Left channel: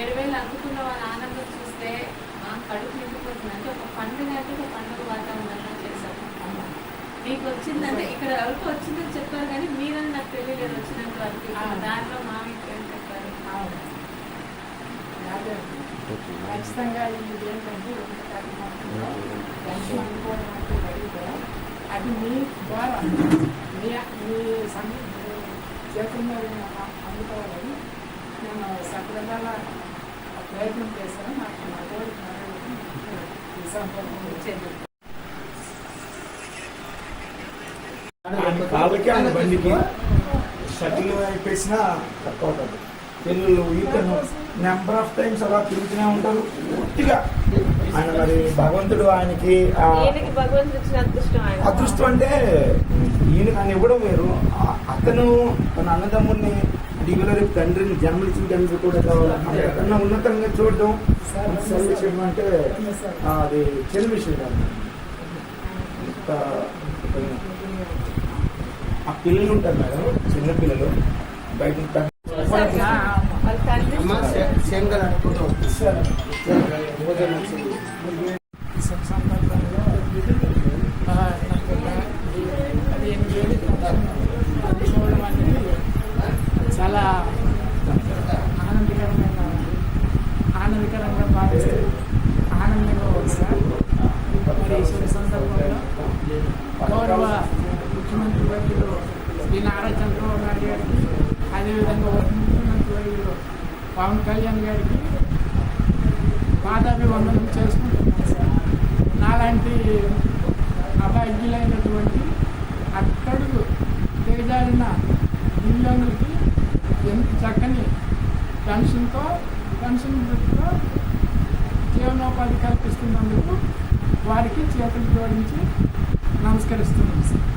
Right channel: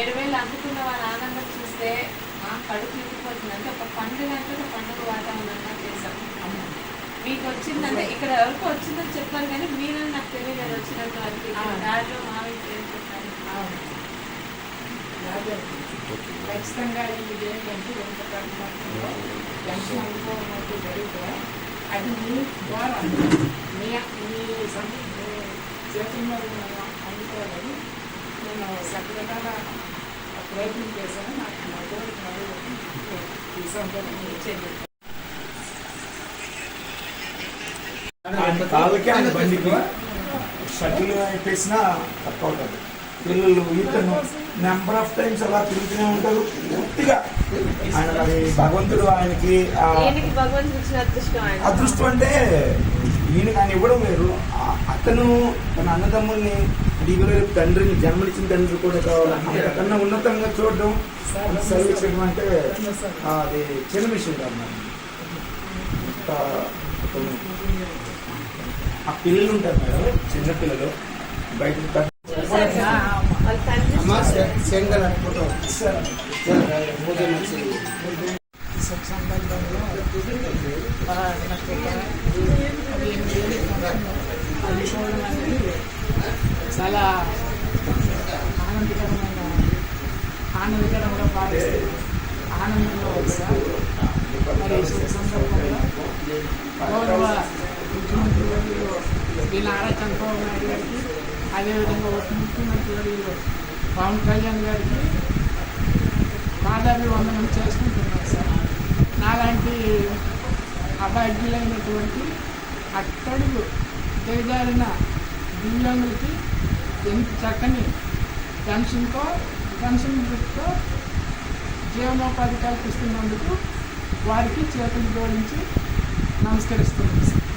ఏడు వేలు అందుకున్న వాళ్ళ ఆనందం చూస్తే మా కడుపు నిండిపోతుంది. అంటే ఒక పండుగ అంటే ఒక పండుగ వాతావరణంగా చేశాం మీకు వచ్చిందంటే ఇక్కడ వరకు వచ్చిందని చెప్పారు కానీ మీరు నాకు తెలియలేదు వచ్చినంత వరకు. దాంట్లో మా మీకు చెప్పారు? ఖచ్చితంగా ఇది ఏంటంటే ఎంత పరిమాణంలో ఎంత అనుకోవడం అంటే జరిగితే అది మీ ద్వారా మీ మీ చేతుల్లో ఉన్న అందుకోవాలని నేను సక్రమంగా ప్రయత్నం చేశాను నాకు నా కోరిక ఈ సందర్భంగా వచ్చేది కాళ్ళకి ఆయన బండికి షటిల్ వేసినా తక్కువ అవుతుంది. పిల్లలు ఈతను నెంబర్ ఆఫ్ టైమ్స్ అలా తిరుగుతూనే ఉంటారు. పూర్తిగా ఆయన మరి భగవంతుడు ఆయనకి అదృష్టం అంటే ఈయనకి ఆయన ఇవ్వడం వేరు. అతను తన అన్నదమ్ముల్ని దిగులు తండ్రిని జన్మనిచ్చిన తండ్రి కూడా కావాలి అంతకన్నా ఉన్నతంగా చూడడం సర్వీస్ చేయడం అంటే అది చిన్న విషయం కాదు. ఆ పిల్లలు ఉంటారు మేడం చిన్న పిల్లలు. బయట ఉంటారు. వాళ్ళ తండ్రి అనుకుంటాం ఈ సందర్భంలో ఆ, నాకు అనేది చాలా ఆనందకరమైన ఆనందకరంగా భావిస్తుంది ఆనందంగా వస్తా మరి ఈ సందర్భంలో గౌరవ ముఖ్యమంత్రి వర్యులు శ్రీ నారా చంద్రబాబు నాయుడు గారికి అదేవిధంగా ఉప ముఖ్యమంత్రి వర్యులు పవన్ కళ్యాణ్ గారికి పాదాభివందనం చేసుకుంటున్నాను సార్. నాలాంటి అభాగ్యులైనటువంటి అట్టడుగు దిగజారిన దివ్యాంగులకి ఎంత చక్కని పెన్షన్తో పెన్షన్ వృత్తితో జీవనోపాధి కల్పిస్తున్నందుకు వారికి చేతులు జోడించి నమస్కరిస్తున్నాను సార్.